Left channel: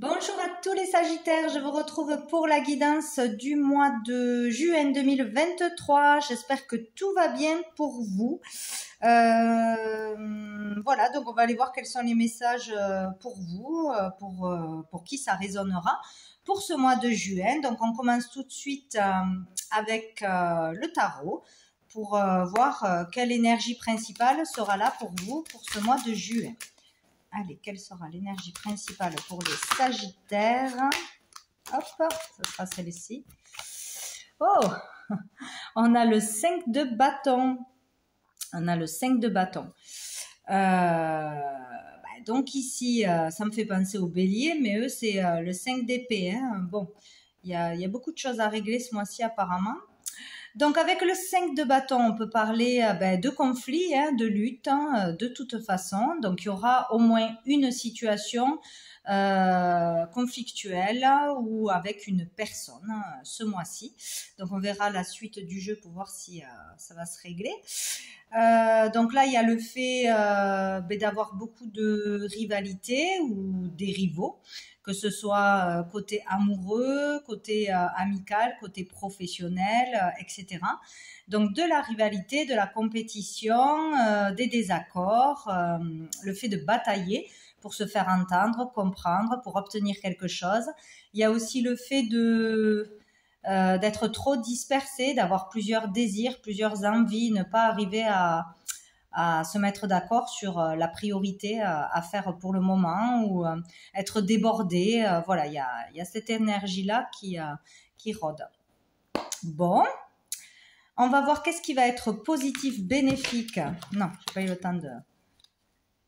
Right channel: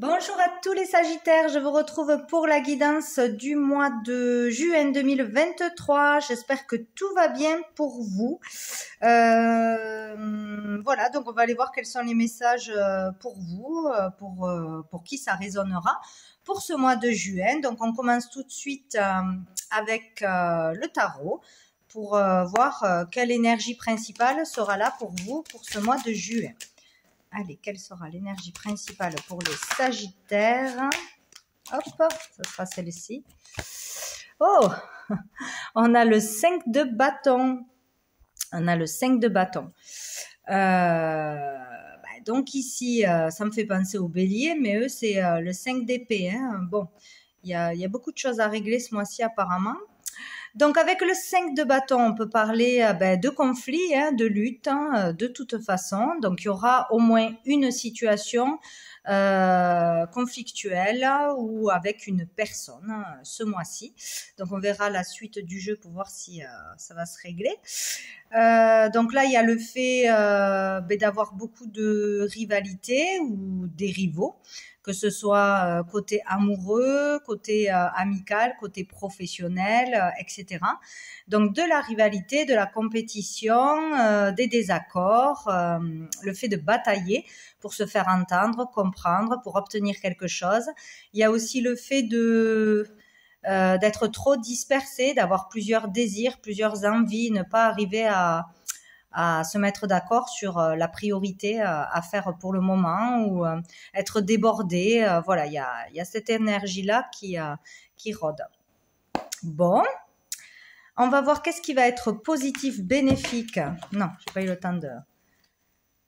Bonjour à tous les Sagittaires, je vous retrouve pour la guidance du mois de juin 2023. J'espère que tout va bien pour vous. Voilà, donc on va aller voir quels sont les messages pour vous, pour qui ça résonnera pour ce mois de juin. Donc on commence tout de suite avec le tarot pour voir quelle énergie principale sera là pour vous pour ce mois de juin. Allez, quelle sera l'énergie principale pour les Sagittaires? Hop, ça sera celle-ci. Oh, on a le 5 de bâton. On a le 5 de bâton. Donc ici, ça me fait penser au bélier, mais eux, c'est le 5 d'épée. Hein. Bon, il y a beaucoup de choses à régler ce mois-ci apparemment. Donc avec le 5 de bâton, on peut parler de conflits, de lutte, de toute façon. Donc il y aura au moins une situation conflictuelle ou avec une personne ce mois-ci. Donc on verra la suite du jeu pour voir si ça va se régler. Donc là, il y a le fait d'avoir beaucoup de rivalités ou des rivaux, que ce soit côté amoureux, côté amical, côté professionnel, etc. Donc de la rivalité, de la compétition, des désaccords, le fait de batailler pour se faire entendre, comprendre, pour obtenir quelque chose. Il y a aussi le fait d'être trop dispersé, d'avoir plusieurs désirs, plusieurs envies, ne pas arriver à se mettre d'accord sur la priorité à faire pour le moment ou être débordé. Voilà, il y a cette énergie-là qui rôde. Bon, on va voir qu'est-ce qui va être positif, bénéfique. Non, j'ai pas eu le temps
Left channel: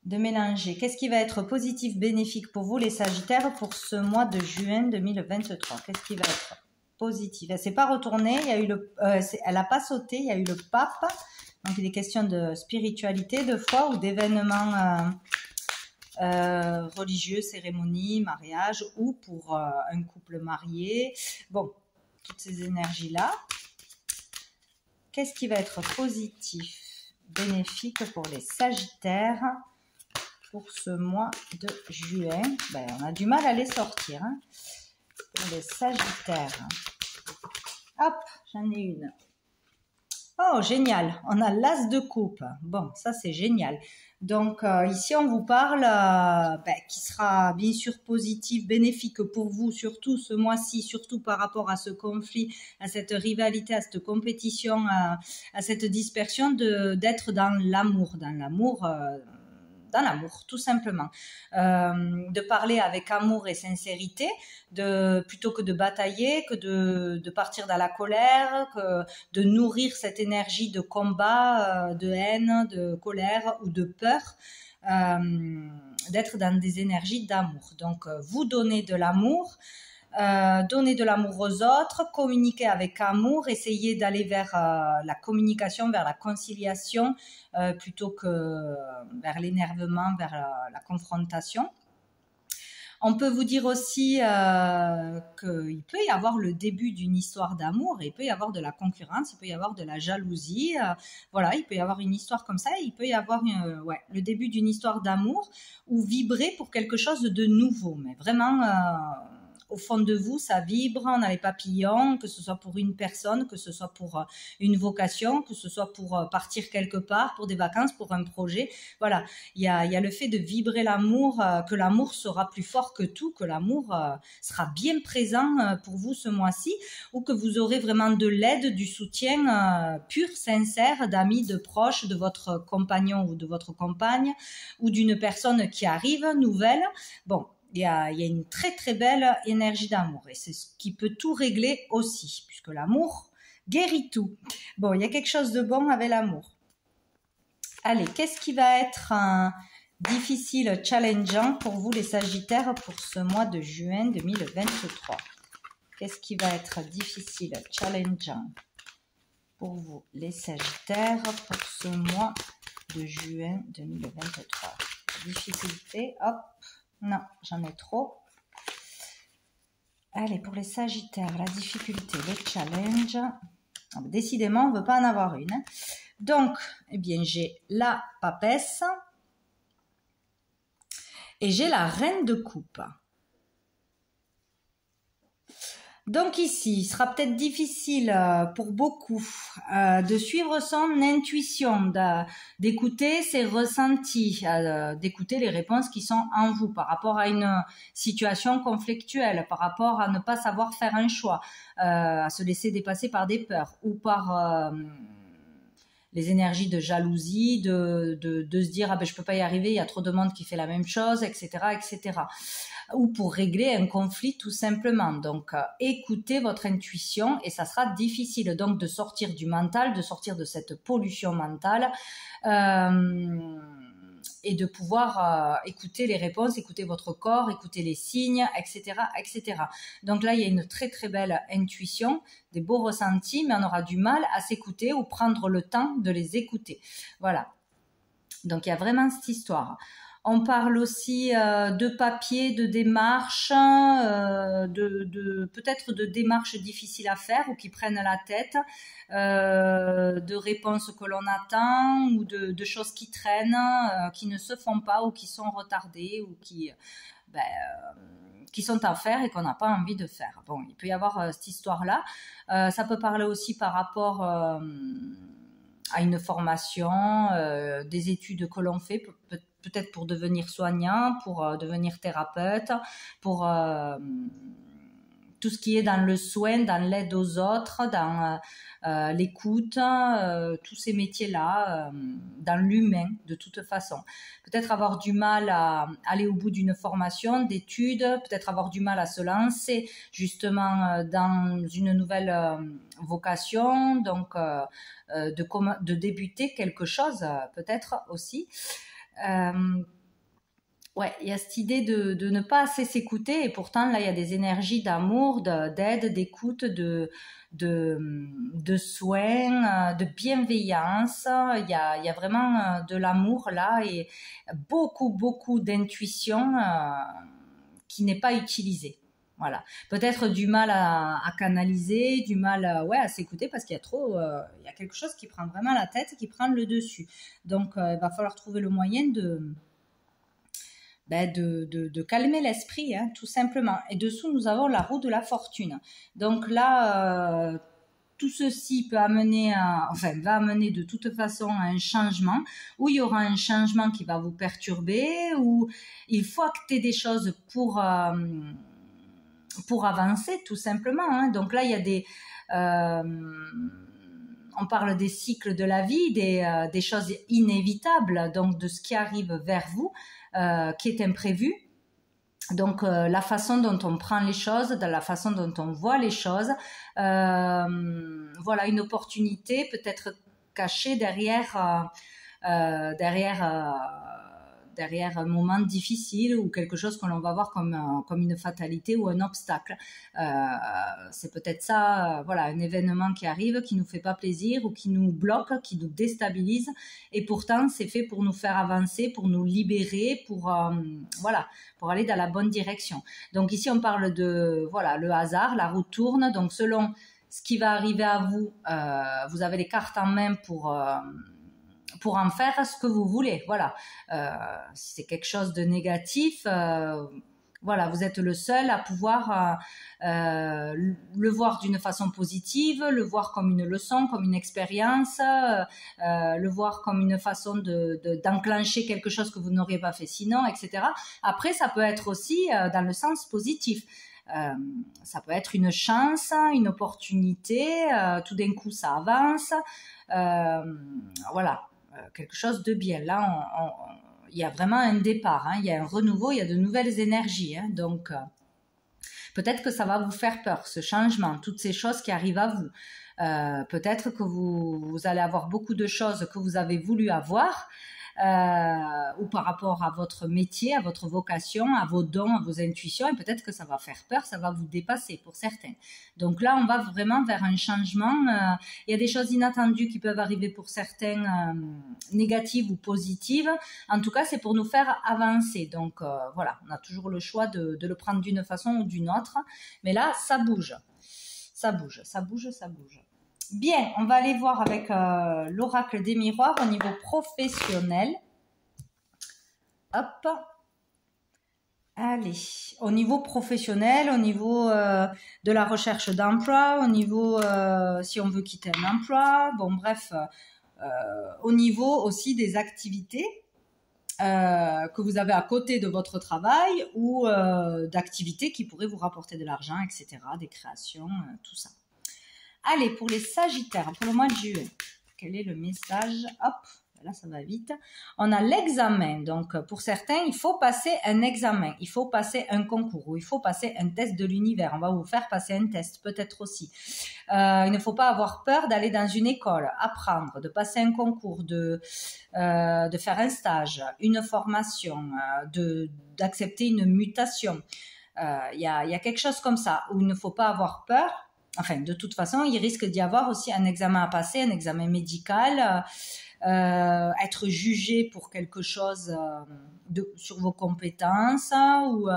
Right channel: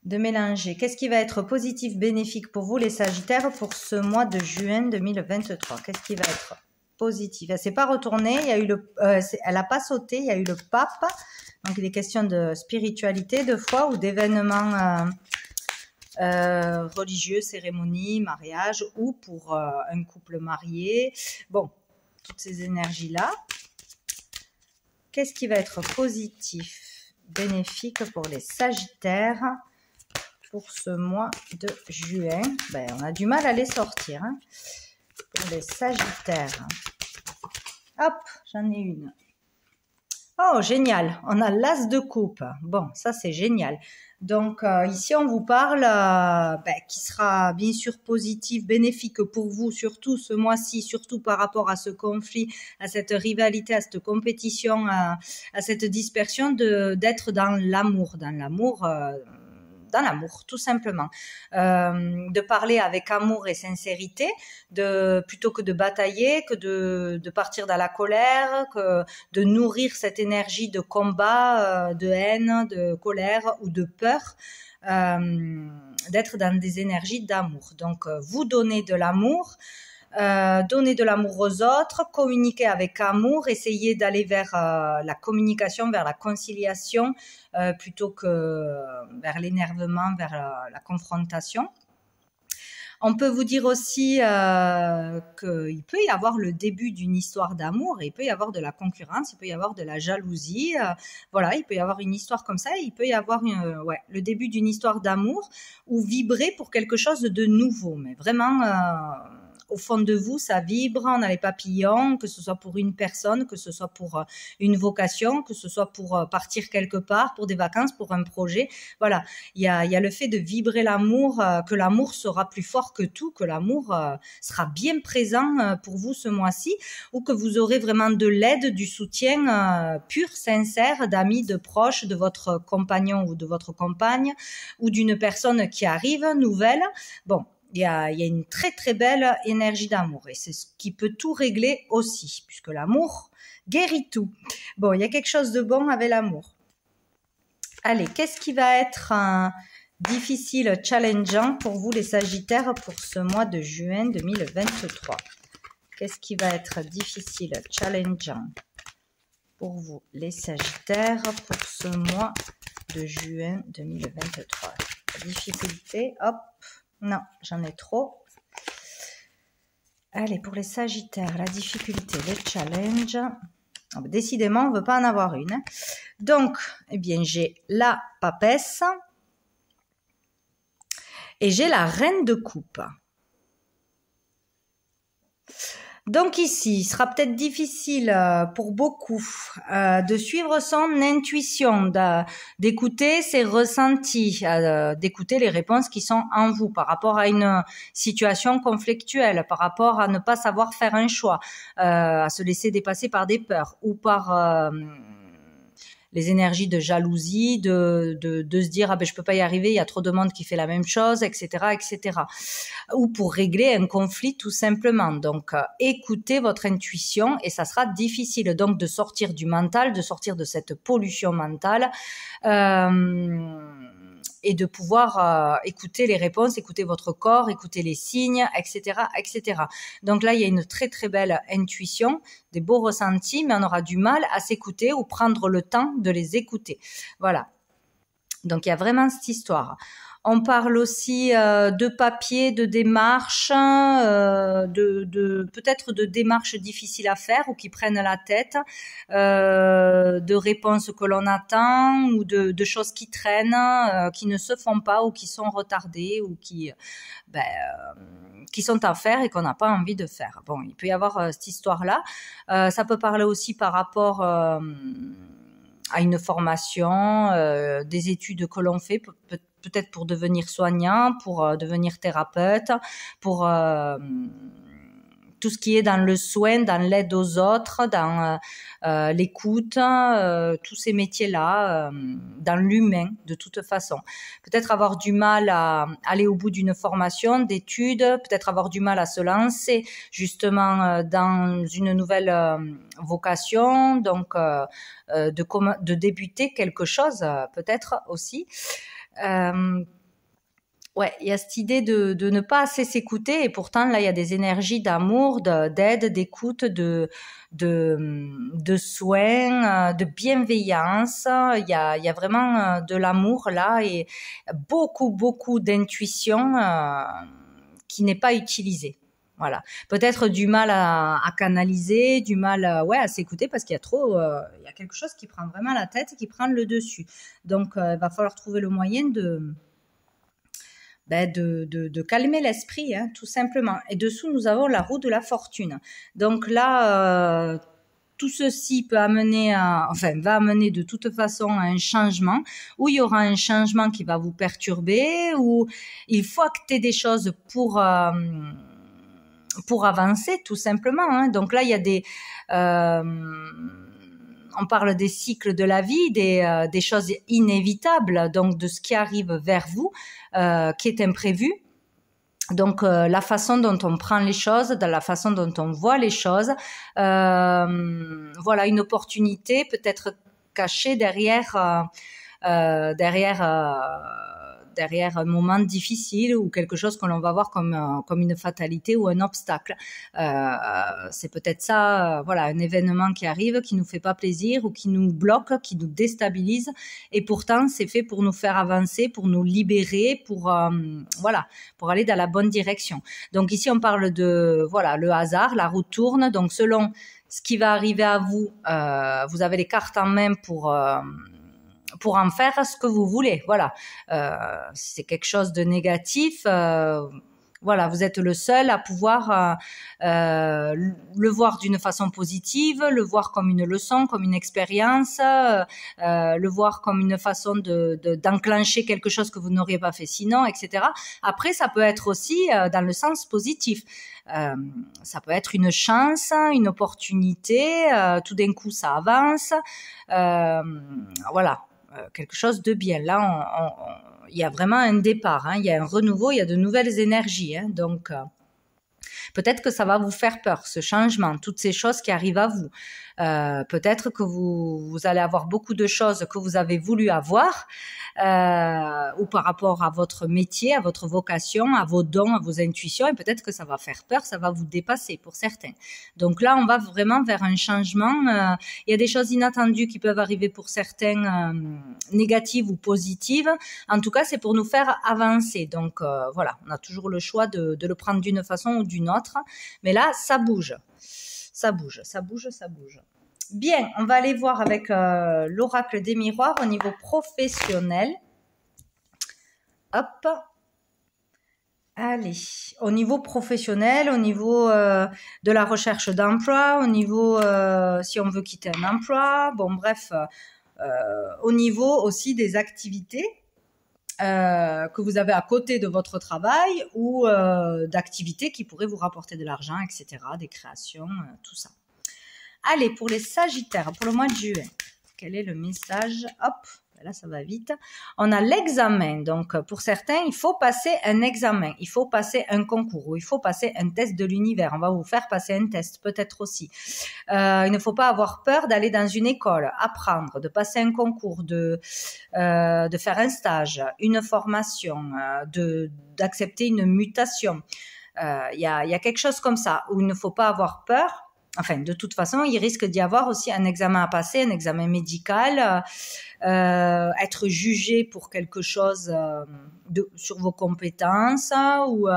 de mélanger. Qu'est-ce qui va être positif, bénéfique pour vous les Sagittaires pour ce mois de juin 2023? Qu'est-ce qui va être positif? Elle s'est pas retournée, il y a eu elle a pas sauté, il y a eu le pape. Donc il est question de spiritualité, de foi ou d'événements religieux, cérémonies, mariage ou pour un couple marié. Bon, toutes ces énergies-là. Qu'est-ce qui va être positif, bénéfique pour les Sagittaires pour ce mois de juin? On a du mal à les sortir. Hein. Pour les Sagittaires. Hop, j'en ai une. Oh, génial. On a l'as de coupe. Bon, ça, c'est génial. Donc, ici, on vous parle qui sera bien sûr positif, bénéfique pour vous, surtout ce mois-ci, surtout par rapport à ce conflit, à cette rivalité, à cette compétition, à cette dispersion, d'être dans l'amour. Dans l'amour, tout simplement. De parler avec amour et sincérité, plutôt que de batailler, que de partir dans la colère, que de nourrir cette énergie de combat, de haine, de colère ou de peur, d'être dans des énergies d'amour. Donc, vous donnez de l'amour, donner de l'amour aux autres, communiquer avec amour, essayer d'aller vers la communication, vers la conciliation, plutôt que vers l'énervement, vers la confrontation. On peut vous dire aussi qu'il peut y avoir le début d'une histoire d'amour, il peut y avoir de la concurrence, il peut y avoir de la jalousie, voilà, il peut y avoir une histoire comme ça, il peut y avoir le début d'une histoire d'amour ou vibrer pour quelque chose de nouveau, mais vraiment au fond de vous, ça vibre, on a les papillons, que ce soit pour une personne, que ce soit pour une vocation, que ce soit pour partir quelque part, pour des vacances, pour un projet. Voilà, il y a le fait de vibrer l'amour, que l'amour sera plus fort que tout, que l'amour sera bien présent pour vous ce mois-ci, ou que vous aurez vraiment de l'aide, du soutien pur, sincère, d'amis, de proches, de votre compagnon ou de votre compagne, ou d'une personne qui arrive, nouvelle. Bon, il y a une très très belle énergie d'amour et c'est ce qui peut tout régler aussi, puisque l'amour guérit tout. Bon, il y a quelque chose de bon avec l'amour. Allez, qu'est-ce qui va être difficile, challengeant pour vous les Sagittaires pour ce mois de juin 2023? Qu'est-ce qui va être difficile, challengeant pour vous les Sagittaires pour ce mois de juin 2023? Difficulté, hop. Non, j'en ai trop. Allez, pour les Sagittaires, la difficulté, le challenge. Décidément, on ne veut pas en avoir une. Hein. Donc, eh bien, j'ai la papesse et j'ai la reine de coupe. Donc ici, il sera peut-être difficile pour beaucoup de suivre son intuition, d'écouter ses ressentis, d'écouter les réponses qui sont en vous par rapport à une situation conflictuelle, par rapport à ne pas savoir faire un choix, à se laisser dépasser par des peurs ou par les énergies de jalousie, de se dire ah ben je peux pas y arriver, il y a trop de monde qui fait la même chose, etc., etc. Ou pour régler un conflit tout simplement. Donc écoutez votre intuition et ça sera difficile donc de sortir du mental, de sortir de cette pollution mentale. Et de pouvoir écouter les réponses, écouter votre corps, écouter les signes, etc., etc. Donc là, il y a une très très belle intuition, des beaux ressentis, mais on aura du mal à s'écouter ou prendre le temps de les écouter. Voilà. Donc il y a vraiment cette histoire. On parle aussi de papier, de démarches, peut-être de démarches difficiles à faire ou qui prennent la tête, de réponses que l'on attend ou de choses qui traînent, qui ne se font pas ou qui sont retardées ou qui sont à faire et qu'on n'a pas envie de faire. Bon, il peut y avoir cette histoire-là. Ça peut parler aussi par rapport à une formation, des études que l'on fait, peut-être pour devenir soignant, pour devenir thérapeute, pour tout ce qui est dans le soin, dans l'aide aux autres, dans l'écoute, tous ces métiers-là, dans l'humain de toute façon. Peut-être avoir du mal à aller au bout d'une formation, d'études, peut-être avoir du mal à se lancer justement dans une nouvelle vocation, donc de débuter quelque chose peut-être aussi. Ouais, il y a cette idée de ne pas assez s'écouter et pourtant là il y a des énergies d'amour, d'aide, d'écoute, de soins, de bienveillance. Il y a vraiment de l'amour là et beaucoup d'intuition qui n'est pas utilisée. Voilà, peut-être du mal à canaliser, du mal à s'écouter parce qu'il y a trop, il y a quelque chose qui prend vraiment la tête, qui prend le dessus. Donc il va falloir trouver le moyen de calmer l'esprit, hein, tout simplement. Et dessous, nous avons la roue de la fortune. Donc là, tout ceci va amener de toute façon à un changement, où il y aura un changement qui va vous perturber, où il faut acter des choses pour avancer, tout simplement. Hein. Donc là, il y a on parle des cycles de la vie, des choses inévitables, donc de ce qui arrive vers vous, qui est imprévu. Donc la façon dont on prend les choses, de la façon dont on voit les choses, voilà une opportunité peut-être cachée derrière un moment difficile ou quelque chose que l'on va voir comme une fatalité ou un obstacle. C'est peut-être ça, voilà, un événement qui arrive, qui nous fait pas plaisir ou qui nous bloque, qui nous déstabilise. Et pourtant, c'est fait pour nous faire avancer, pour nous libérer, pour aller dans la bonne direction. Donc ici, on parle de, voilà, le hasard, la roue tourne. Donc selon ce qui va arriver à vous, vous avez les cartes en main pour en faire ce que vous voulez. Voilà. Si c'est quelque chose de négatif, voilà, vous êtes le seul à pouvoir le voir d'une façon positive, le voir comme une leçon, comme une expérience, le voir comme une façon d'enclencher quelque chose que vous n'auriez pas fait sinon, etc. Après, ça peut être aussi dans le sens positif. Ça peut être une chance, une opportunité, tout d'un coup ça avance, voilà. Quelque chose de bien. Là, il y a vraiment un départ, hein. Il y a un renouveau, il y a de nouvelles énergies. Hein. Donc, peut-être que ça va vous faire peur, ce changement, toutes ces choses qui arrivent à vous. Peut-être que vous allez avoir beaucoup de choses que vous avez voulu avoir, ou par rapport à votre métier, à votre vocation, à vos dons, à vos intuitions, et peut-être que ça va faire peur, ça va vous dépasser pour certains. Donc là, on va vraiment vers un changement. Il y a des choses inattendues qui peuvent arriver pour certains, négatives ou positives. En tout cas, c'est pour nous faire avancer. Donc voilà, on a toujours le choix de le prendre d'une façon ou d'une autre. Mais là, ça bouge. Ça bouge. Bien, on va aller voir avec l'oracle des miroirs au niveau professionnel. Hop. Allez, au niveau professionnel, au niveau de la recherche d'emploi, au niveau si on veut quitter un emploi, bon bref, au niveau aussi des activités que vous avez à côté de votre travail ou d'activités qui pourraient vous rapporter de l'argent, etc., des créations, tout ça. Allez, pour les Sagittaires, pour le mois de juillet, quel est le message? Hop, là ça va vite. On a l'examen, donc pour certains, il faut passer un examen, il faut passer un concours, ou il faut passer un test de l'univers. On va vous faire passer un test, peut-être aussi. Il ne faut pas avoir peur d'aller dans une école, apprendre, de passer un concours, de faire un stage, une formation, d'accepter une mutation. Il y a quelque chose comme ça, où il ne faut pas avoir peur. Enfin, de toute façon, il risque d'y avoir aussi un examen à passer, un examen médical, être jugé pour quelque chose sur vos compétences ou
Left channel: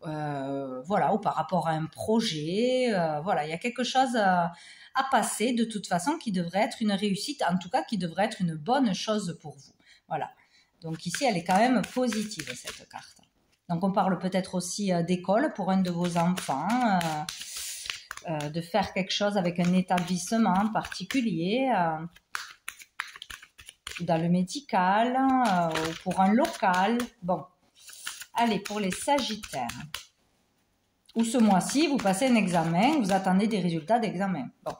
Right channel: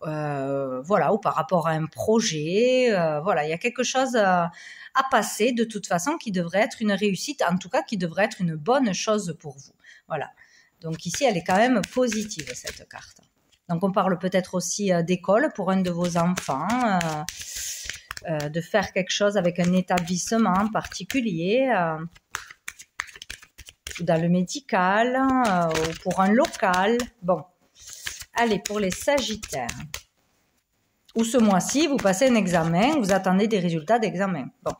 voilà, ou par rapport à un projet. Voilà, il y a quelque chose à passer de toute façon qui devrait être une réussite, en tout cas qui devrait être une bonne chose pour vous. Voilà. Donc ici, elle est quand même positive, cette carte. Donc on parle peut-être aussi d'école pour un de vos enfants. De faire quelque chose avec un établissement particulier, dans le médical, ou pour un local. Bon, allez, pour les Sagittaires. Ou ce mois-ci, vous passez un examen, vous attendez des résultats d'examen. Bon,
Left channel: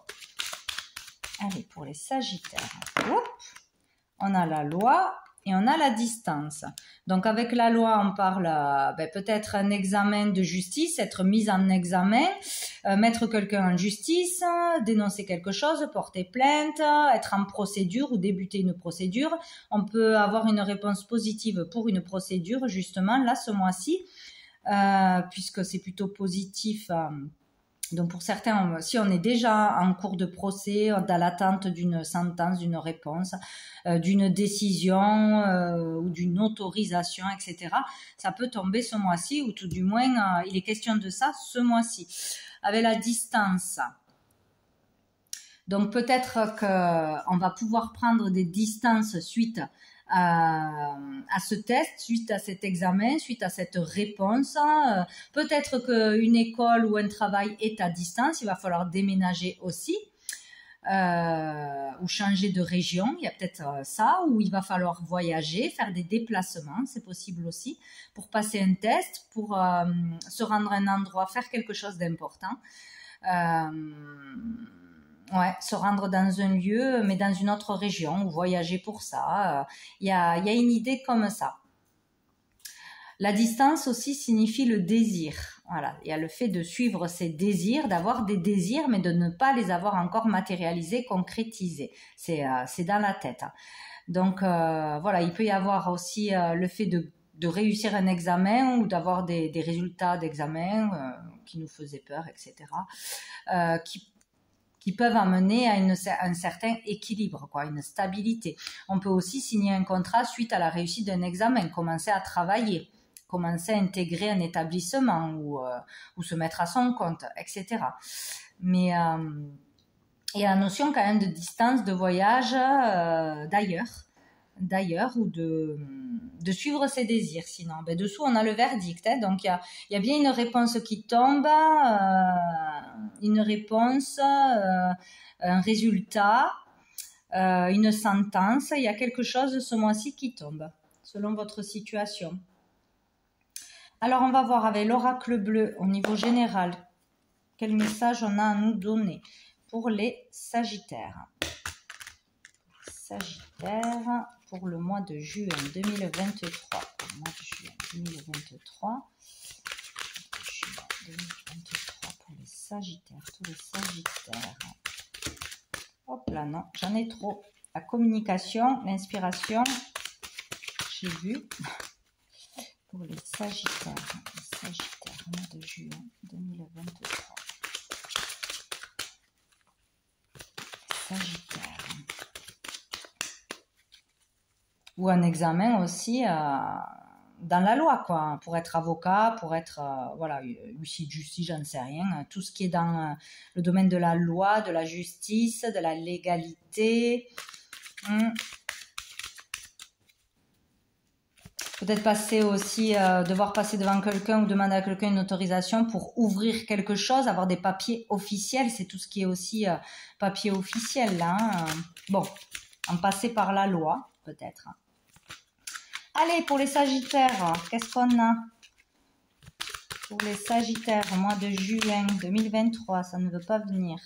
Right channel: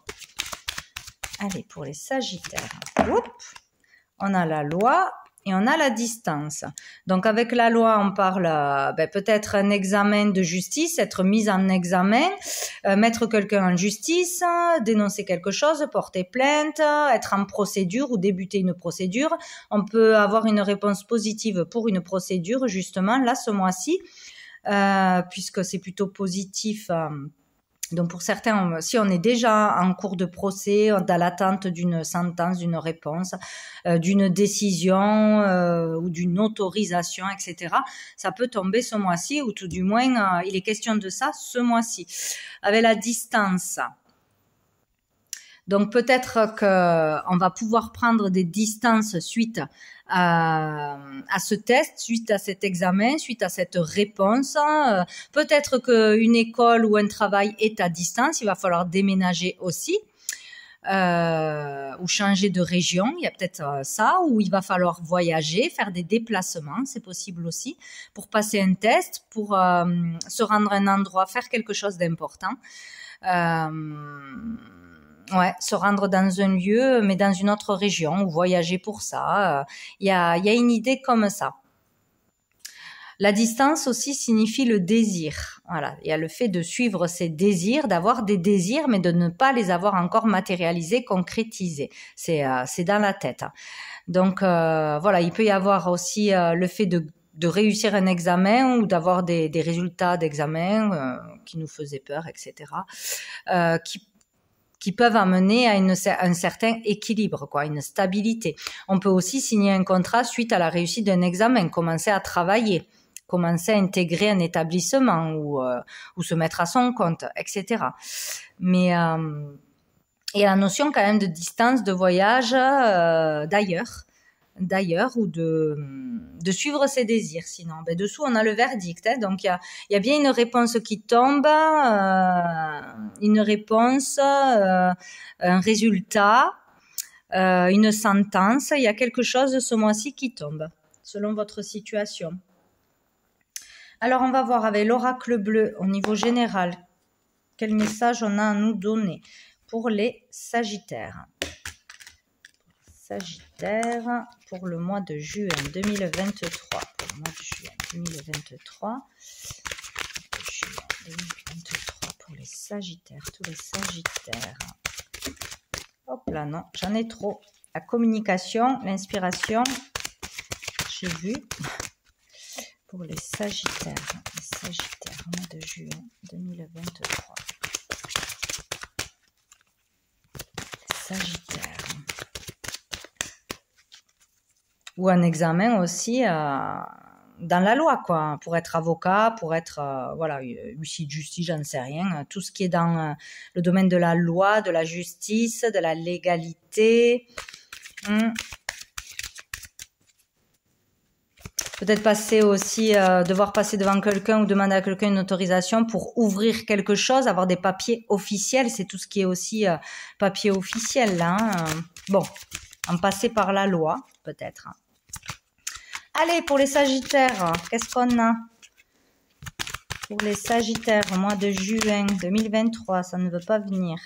allez, pour les Sagittaires. Hop, on a la loi. Et on a la distance. Donc avec la loi, on parle peut-être un examen de justice, être mis en examen, mettre quelqu'un en justice, dénoncer quelque chose, porter plainte, être en procédure ou débuter une procédure. On peut avoir une réponse positive pour une procédure, justement, là, ce mois-ci, puisque c'est plutôt positif. Donc pour certains, si on est déjà en cours de procès, dans l'attente d'une sentence, d'une réponse, d'une décision ou d'une autorisation, etc., ça peut tomber ce mois-ci, ou tout du moins, il est question de ça ce mois-ci. Avec la distance, donc peut-être qu'on va pouvoir prendre des distances suite à ce test, suite à cet examen, suite à cette réponse. Peut-être qu'une école ou un travail est à distance, il va falloir déménager aussi. Ou changer de région, il y a peut-être ça, ou il va falloir voyager, faire des déplacements, c'est possible aussi, pour passer un test, pour se rendre à un endroit, faire quelque chose d'important. Ouais, se rendre dans un lieu, mais dans une autre région, ou voyager pour ça. Il y a une idée comme ça. La distance aussi signifie le désir. Voilà, il y a le fait de suivre ses désirs, d'avoir des désirs, mais de ne pas les avoir encore matérialisés, concrétisés. C'est dans la tête. Donc voilà, il peut y avoir aussi le fait de réussir un examen ou d'avoir des résultats d'examen qui nous faisaient peur, etc. Qui peuvent amener à un certain équilibre, quoi, une stabilité. On peut aussi signer un contrat suite à la réussite d'un examen, commencer à travailler, commencer à intégrer un établissement ou se mettre à son compte, etc. Mais il y a la notion quand même de distance, de voyage d'ailleurs ou de suivre ses désirs. Sinon, dessous on a le verdict, hein, donc il y a bien une réponse qui tombe, une réponse, un résultat, une sentence. Il y a quelque chose ce mois-ci qui tombe selon votre situation. Alors on va voir avec l'oracle bleu au niveau général quel message on a à nous donner pour les Sagittaires. Sagittaire pour le mois de juin 2023. Pour le mois de juin 2023. Juin 2023 pour les Sagittaires, tous les Sagittaires. Hop là, non, j'en ai trop. La communication, l'inspiration, j'ai vu. Pour les Sagittaires, mois de juin 2023. Les Sagittaires. Ou un examen aussi dans la loi, quoi, pour être avocat, pour être voilà, huissier de justice, j'en sais rien, tout ce qui est dans le domaine de la loi, de la justice, de la légalité. Peut-être passer aussi, devoir passer devant quelqu'un ou demander à quelqu'un une autorisation pour ouvrir quelque chose, avoir des papiers officiels. C'est tout ce qui est aussi papier officiel, là. Hein. Bon, en passer par la loi, peut-être. Allez, pour les Sagittaires, qu'est-ce qu'on a? Pour les Sagittaires, au mois de juin 2023, ça ne veut pas venir.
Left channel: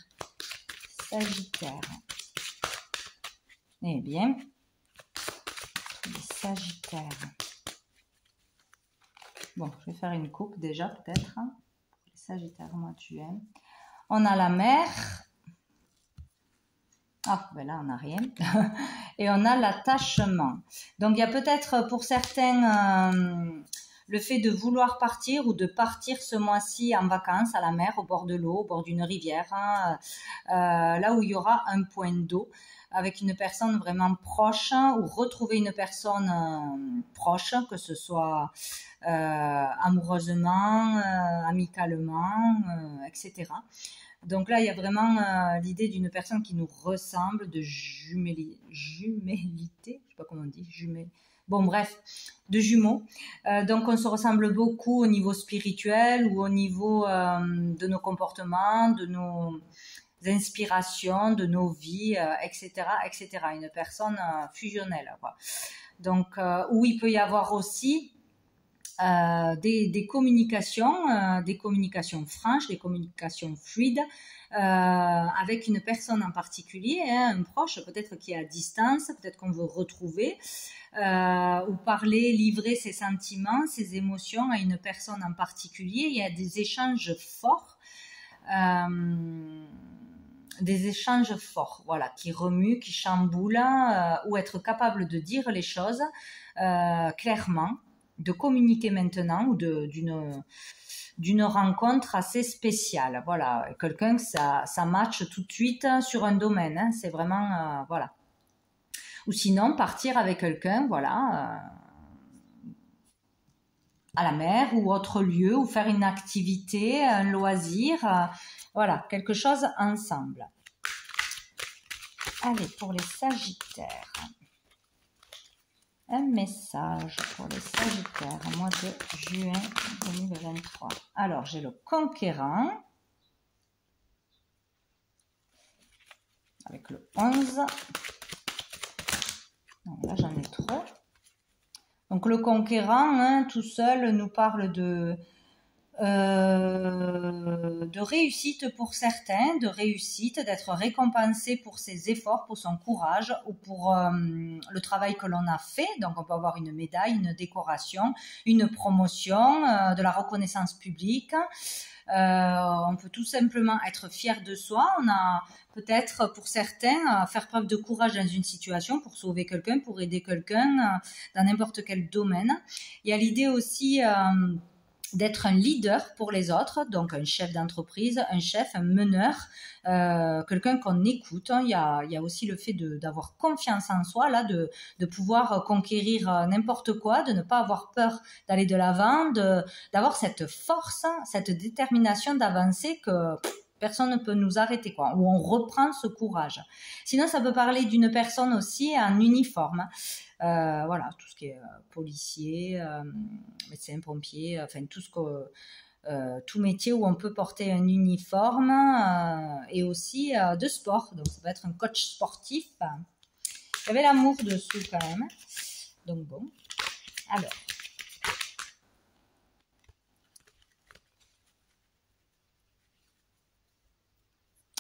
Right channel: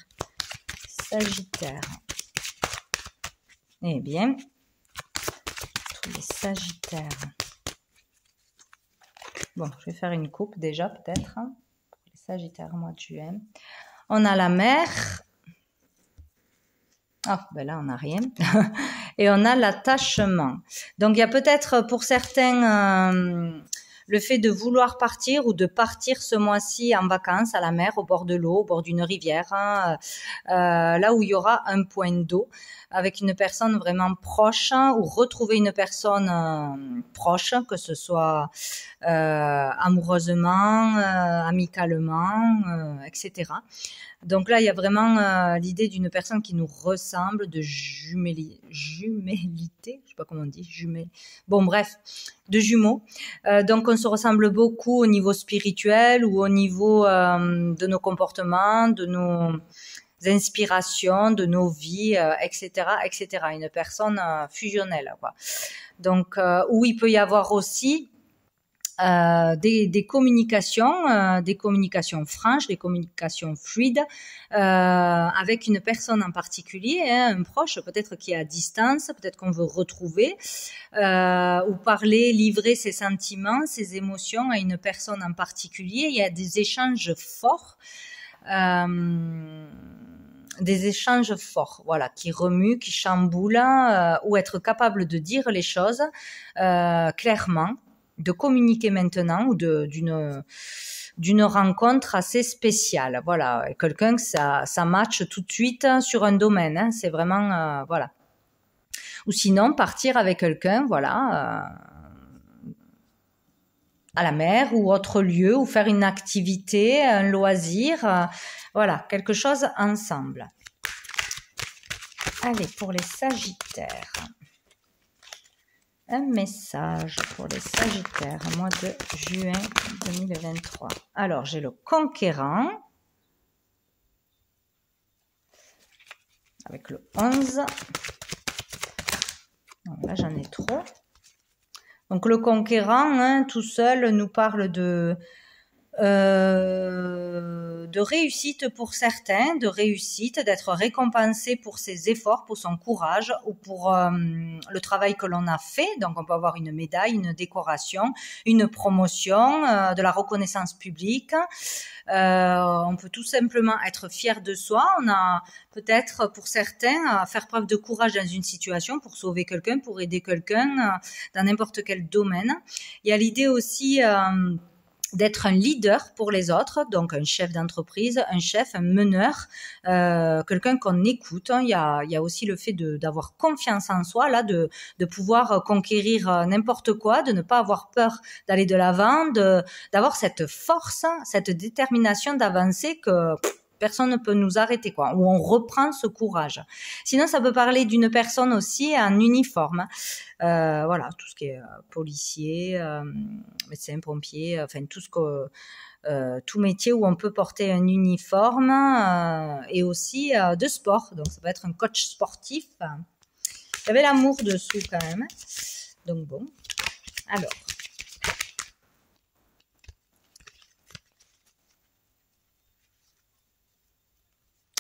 Sagittaire. Eh bien, tous les Sagittaires. Bon, je vais faire une coupe déjà, peut-être. Pour les Sagittaires, au mois de juin. On a la mer. Ah, ben là, on n'a rien. Et on a l'attachement. Donc, il y a peut-être pour certains le fait de vouloir partir ou de partir ce mois-ci en vacances à la mer, au bord de l'eau, au bord d'une rivière, hein, là où il y aura un point d'eau, avec une personne vraiment proche, ou retrouver une personne proche, que ce soit amoureusement, amicalement, etc. Donc là, il y a vraiment l'idée d'une personne qui nous ressemble, de jumélité, je sais pas comment on dit, bon bref, de jumeaux. Donc on se ressemble beaucoup au niveau spirituel ou au niveau de nos comportements, de nos inspirations, de nos vies, etc., etc. Une personne fusionnelle, quoi. Donc où il peut y avoir aussi des communications franches, des communications fluides avec une personne en particulier, hein, un proche, peut-être qui est à distance, peut-être qu'on veut retrouver, ou parler, livrer ses sentiments, ses émotions à une personne en particulier. Il y a des échanges forts. Voilà, qui remuent, qui chamboulent, ou être capable de dire les choses clairement, de communiquer maintenant, ou d'une rencontre assez spéciale. Voilà, quelqu'un que ça matche tout de suite sur un domaine, hein, c'est vraiment, voilà. Ou sinon, partir avec quelqu'un, voilà, à la mer ou autre lieu, ou faire une activité, un loisir, voilà, quelque chose ensemble. Allez, pour les Sagittaires. Un message pour les Sagittaires, mois de juin 2023. Alors, j'ai le Conquérant, avec le 11. Non, là, j'en ai trop. Donc, le Conquérant, hein, tout seul, nous parle de réussite pour certains, de réussite, d'être récompensé pour ses efforts, pour son courage ou pour le travail que l'on a fait. Donc on peut avoir une médaille, une décoration, une promotion, de la reconnaissance publique. On peut tout simplement être fier de soi. On a peut-être pour certains faire preuve de courage dans une situation pour sauver quelqu'un, pour aider quelqu'un dans n'importe quel domaine. Il y a l'idée aussi d'être un leader pour les autres, donc un chef d'entreprise, un chef, un meneur, quelqu'un qu'on écoute. Il y a aussi le fait d'avoir confiance en soi, là, de pouvoir conquérir n'importe quoi, de ne pas avoir peur d'aller de l'avant, d'avoir cette force, cette détermination d'avancer que personne ne peut nous arrêter, quoi, où on reprend ce courage. Sinon, ça peut parler d'une personne aussi en uniforme. Voilà, tout ce qui est policier, médecin, pompier, enfin tout métier où on peut porter un uniforme, et aussi de sport. Donc, ça peut être un coach sportif. Il y avait l'amour dessous quand même. Donc, bon. Alors.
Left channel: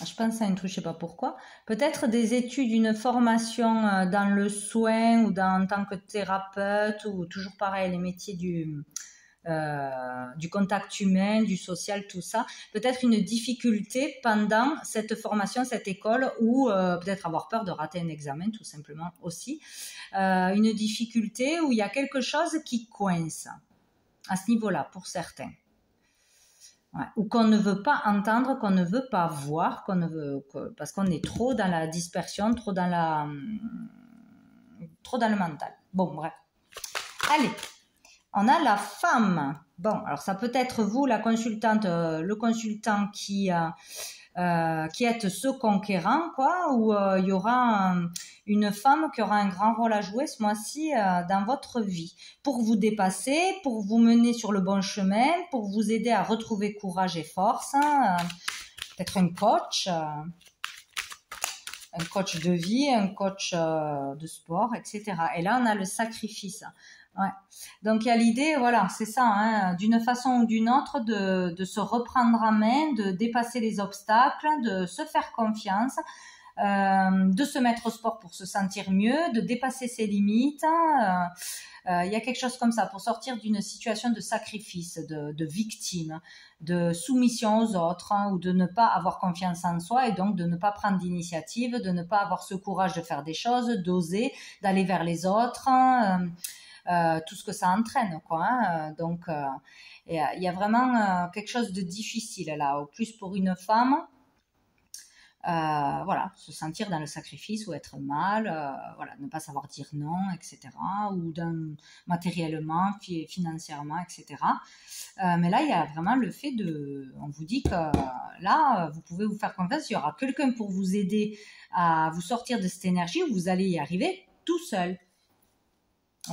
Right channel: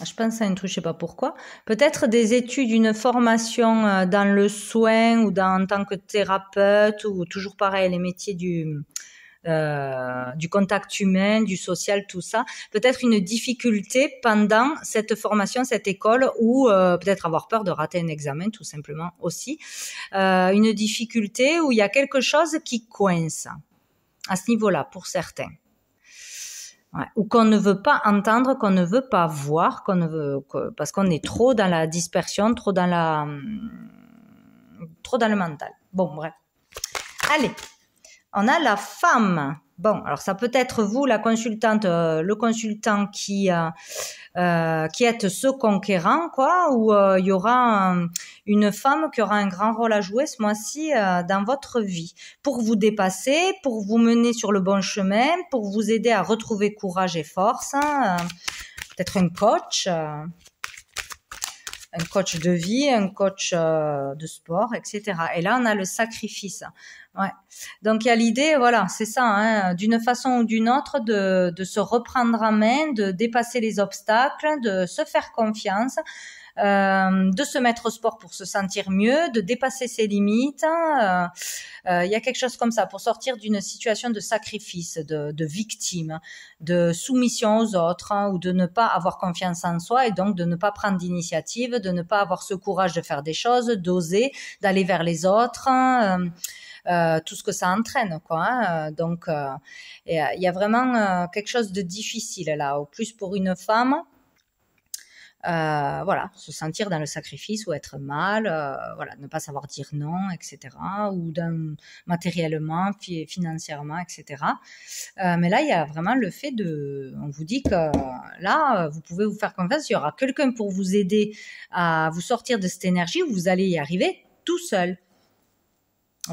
Je pense à un truc, je ne sais pas pourquoi. Peut-être des études, une formation dans le soin ou en tant que thérapeute, ou toujours pareil, les métiers du contact humain, du social, tout ça. Peut-être une difficulté pendant cette formation, cette école, ou peut-être avoir peur de rater un examen, tout simplement aussi. Une difficulté où il y a quelque chose qui coince à ce niveau-là pour certains. Ouais. Ou qu'on ne veut pas entendre, qu'on ne veut pas voir, parce qu'on est trop dans la dispersion, trop dans le mental. Bon, bref. Allez, On a la femme. Bon, alors ça peut être vous, la consultante, le consultant qui êtes ce conquérant, quoi, ou il y aura une femme qui aura un grand rôle à jouer ce mois-ci dans votre vie, pour vous dépasser, pour vous mener sur le bon chemin, pour vous aider à retrouver courage et force. Hein, peut-être un coach de vie, un coach de sport, etc. Et là, on a le sacrifice. Ouais. Donc il y a l'idée, voilà, c'est ça, hein, d'une façon ou d'une autre, de se reprendre en main, de dépasser les obstacles, de se faire confiance, de se mettre au sport pour se sentir mieux, de dépasser ses limites. Il y a quelque chose comme ça pour sortir d'une situation de sacrifice, de victime, de soumission aux autres, hein, ou de ne pas avoir confiance en soi et donc de ne pas prendre d'initiative, de ne pas avoir ce courage de faire des choses, d'oser, d'aller vers les autres. Tout ce que ça entraîne, quoi. Hein. Donc, il y a vraiment quelque chose de difficile là, au plus pour une femme. Voilà, se sentir dans le sacrifice ou être mal, voilà, ne pas savoir dire non, etc. Ou matériellement, financièrement, etc. Mais là, il y a vraiment le fait on vous dit que là, vous pouvez vous faire confiance, il y aura quelqu'un pour vous aider à vous sortir de cette énergie, vous allez y arriver tout seul.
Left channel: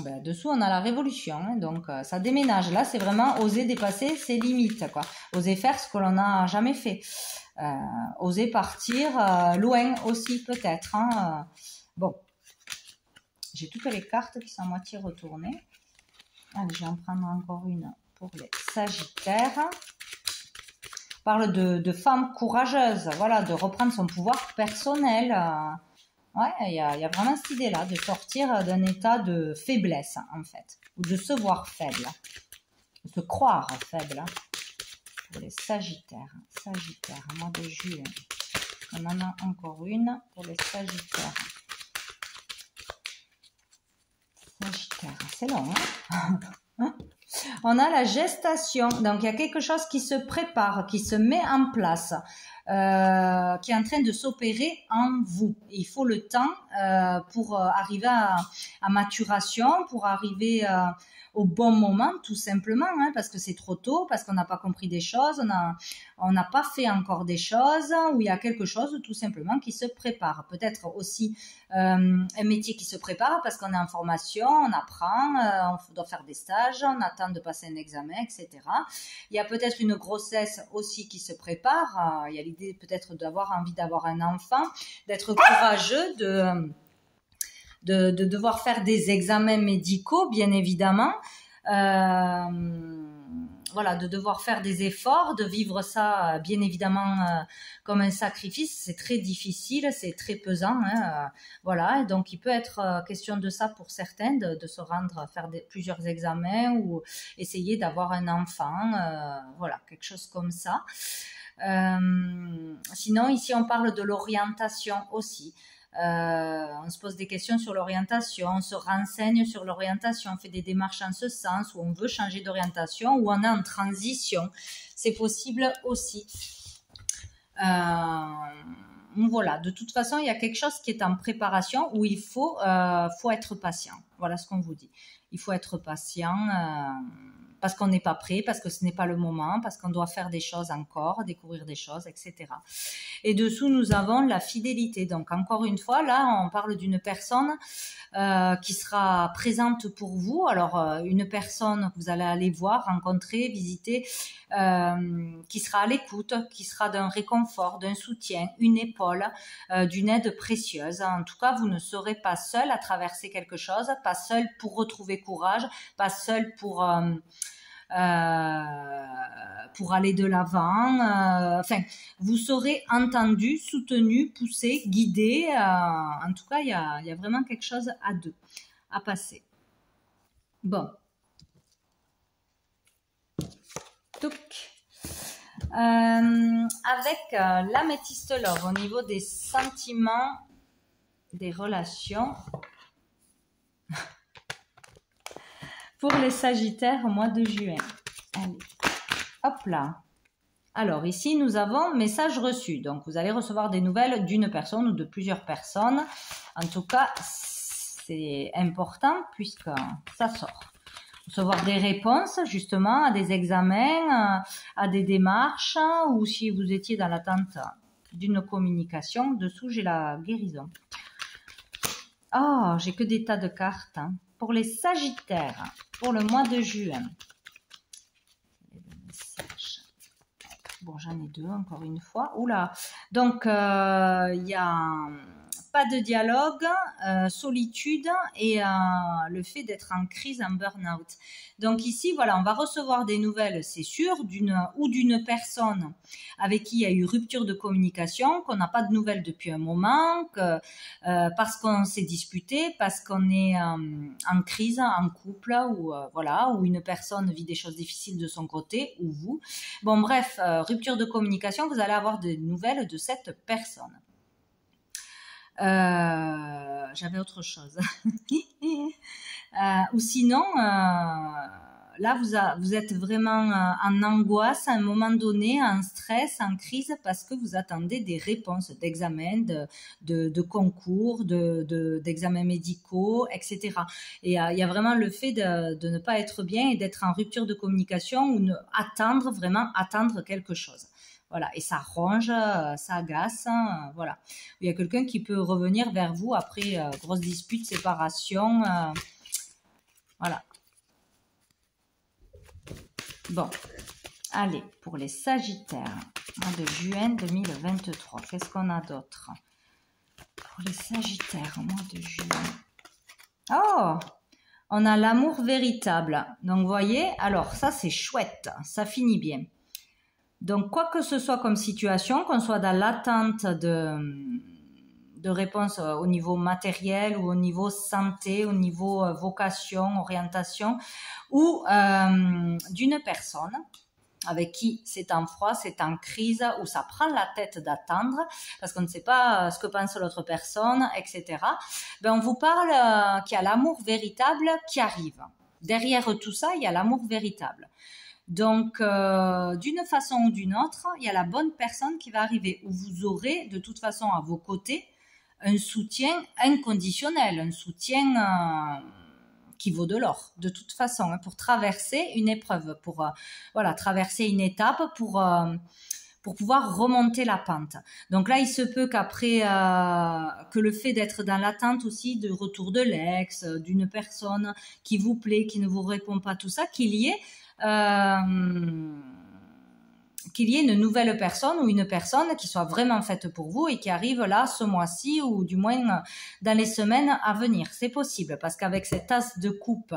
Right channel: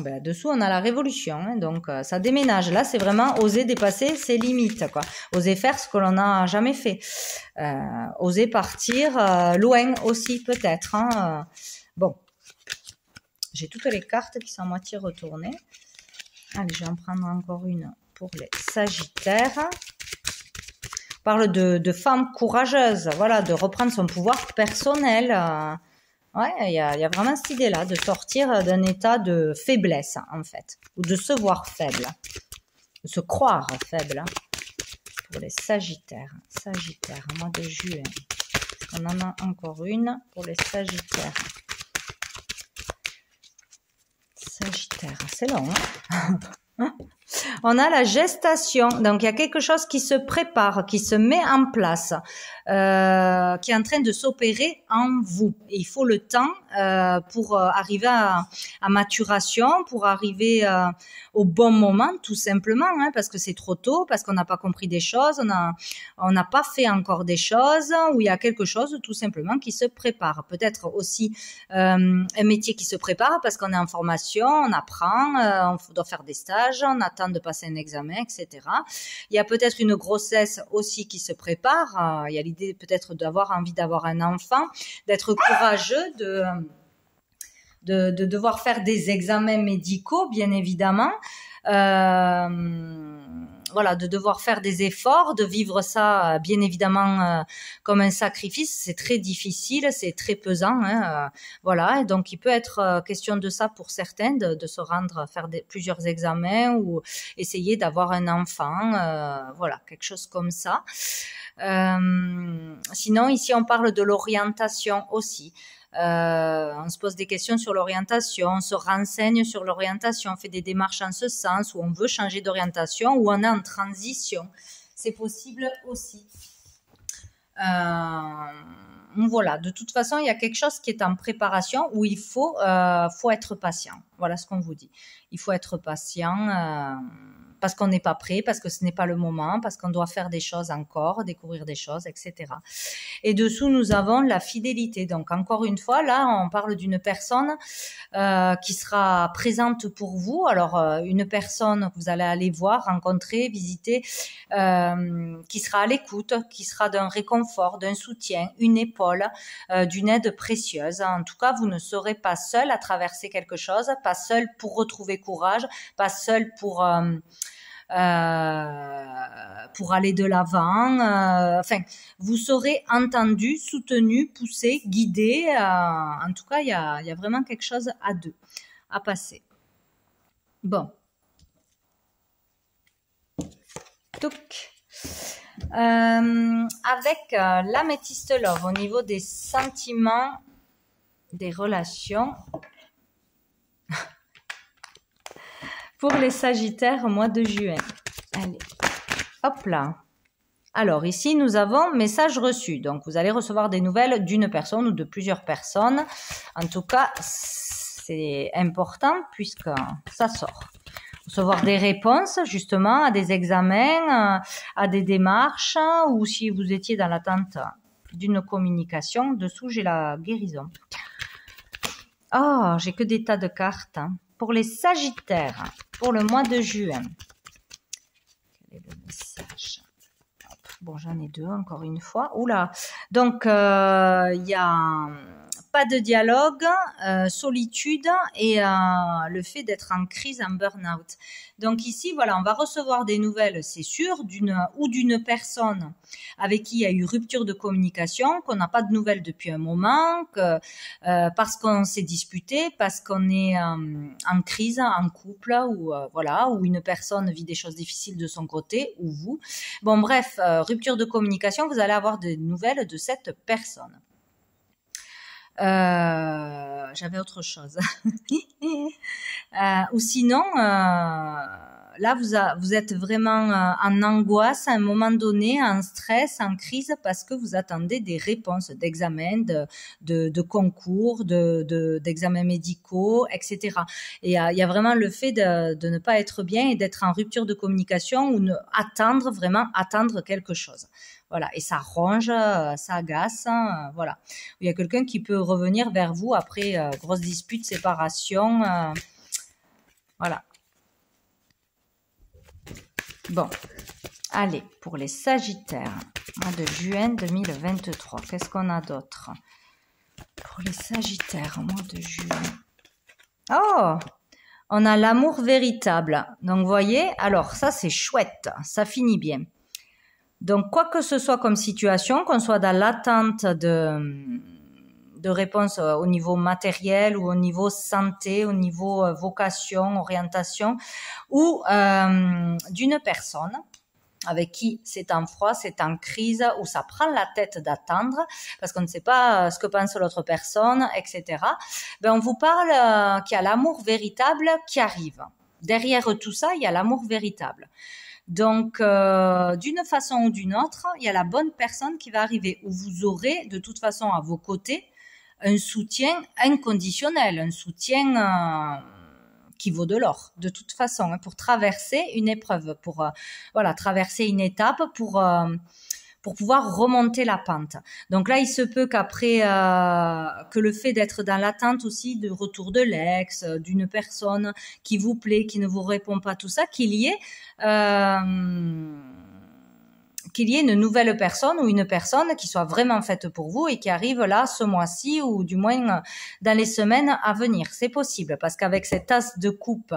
Ben, dessous, on a la révolution, hein, donc ça déménage. Là, c'est vraiment oser dépasser ses limites, quoi. Oser faire ce que l'on n'a jamais fait. Oser partir loin aussi, peut-être. Hein. Bon, j'ai toutes les cartes qui sont à moitié retournées. Allez, je vais en prendre encore une pour les Sagittaires. On parle de femmes courageuses, voilà, de reprendre son pouvoir personnel. Ouais, il y a vraiment cette idée-là, de sortir d'un état de faiblesse, en fait, ou de se voir faible, de se croire faible, pour les Sagittaires. Sagittaires, mois de juillet. On en a encore une pour les Sagittaires. Sagittaire, c'est long, hein. On a la gestation, donc il y a quelque chose qui se prépare, qui se met en place, qui est en train de s'opérer en vous. Et il faut le temps pour arriver à maturation, pour arriver au bon moment, tout simplement, hein, parce que c'est trop tôt, parce qu'on n'a pas compris des choses, on n'a pas fait encore des choses, ou il y a quelque chose tout simplement qui se prépare. Peut-être aussi un métier qui se prépare parce qu'on est en formation, on apprend, on doit faire des stages, on attend de passer un examen, etc. Il y a peut-être une grossesse aussi qui se prépare. Il y a l'idée peut-être d'avoir envie d'avoir un enfant, d'être courageux, de devoir faire des examens médicaux, bien évidemment. Voilà, de devoir faire des efforts, de vivre ça, bien évidemment, comme un sacrifice. C'est très difficile, c'est très pesant. Hein, voilà, et donc il peut être question de ça pour certains, de se rendre, faire plusieurs examens ou essayer d'avoir un enfant. Voilà, quelque chose comme ça. Sinon, ici, on parle de l'orientation aussi. On se pose des questions sur l'orientation, on se renseigne sur l'orientation, on fait des démarches en ce sens, où on veut changer d'orientation, ou on est en transition. C'est possible aussi. Voilà, de toute façon, il y a quelque chose qui est en préparation où il faut être patient. Voilà ce qu'on vous dit. Il faut être patient parce qu'on n'est pas prêt, parce que ce n'est pas le moment, parce qu'on doit faire des choses encore, découvrir des choses, etc. Et dessous, nous avons la fidélité. Donc, encore une fois, là, on parle d'une personne qui sera présente pour vous. Alors, une personne que vous allez aller voir, rencontrer, visiter, qui sera à l'écoute, qui sera d'un réconfort, d'un soutien, une épaule, d'une aide précieuse. En tout cas, vous ne serez pas seul à traverser quelque chose, pas seul pour retrouver courage, pas seul pour aller de l'avant. Enfin, vous serez entendu, soutenu, poussé, guidé. En tout cas, il y a vraiment quelque chose à deux, à passer. Bon. Donc, avec l'améthyste love au niveau des sentiments, des relations. Pour les Sagittaires au mois de juin. Allez, hop là. Alors ici, nous avons message reçu. Donc, vous allez recevoir des nouvelles d'une personne ou de plusieurs personnes. En tout cas, c'est important puisque ça sort. recevoir des réponses justement à des examens, à des démarches, ou si vous étiez dans l'attente d'une communication. Dessous, j'ai la guérison. Ah, j'ai que des tas de cartes. Pour les Sagittaires, pour le mois de juin. Quel est le message? Bon, j'en ai deux, encore une fois. Oula. Donc, il y a pas de dialogue, solitude et le fait d'être en crise, en burn-out. Donc ici, voilà, on va recevoir des nouvelles, c'est sûr, d'une personne avec qui il y a eu rupture de communication, qu'on n'a pas de nouvelles depuis un moment, parce qu'on s'est disputé, parce qu'on est en crise, en couple, ou voilà, ou une personne vit des choses difficiles de son côté, ou vous. Bon, bref, rupture de communication, vous allez avoir des nouvelles de cette personne. J'avais autre chose. Ou sinon, là, vous êtes vraiment en angoisse à un moment donné, en stress, en crise, parce que vous attendez des réponses d'examens, de concours, d'examens médicaux, etc. Et il y a vraiment le fait de ne pas être bien et d'être en rupture de communication ou vraiment attendre quelque chose. Voilà, et ça ronge, ça agace, voilà. Il y a quelqu'un qui peut revenir vers vous après grosse dispute, séparation, voilà. Bon, allez, pour les Sagittaires, mois de juin 2023, qu'est-ce qu'on a d'autre? Pour les Sagittaires, mois de juin. Oh, on a l'amour véritable. Donc, vous voyez, alors ça, c'est chouette, ça finit bien. Donc, quoi que ce soit comme situation, qu'on soit dans l'attente de réponses au niveau matériel ou au niveau santé, au niveau vocation, orientation, ou d'une personne avec qui c'est en froid, c'est en crise, où ça prend la tête d'attendre, parce qu'on ne sait pas ce que pense l'autre personne, etc. Ben, on vous parle qu'il y a l'amour véritable qui arrive. Derrière tout ça, il y a l'amour véritable. Donc, d'une façon ou d'une autre, il y a la bonne personne qui va arriver, où vous aurez de toute façon à vos côtés un soutien inconditionnel, un soutien qui vaut de l'or, de toute façon, pour traverser une épreuve, pour voilà, traverser une étape, pour pouvoir remonter la pente. Donc là, il se peut qu'après, que le fait d'être dans l'attente aussi du retour de l'ex, d'une personne qui vous plaît, qui ne vous répond pas, tout ça, qu'il y ait une nouvelle personne ou une personne qui soit vraiment faite pour vous et qui arrive là ce mois-ci ou du moins dans les semaines à venir. C'est possible parce qu'avec cet as de coupe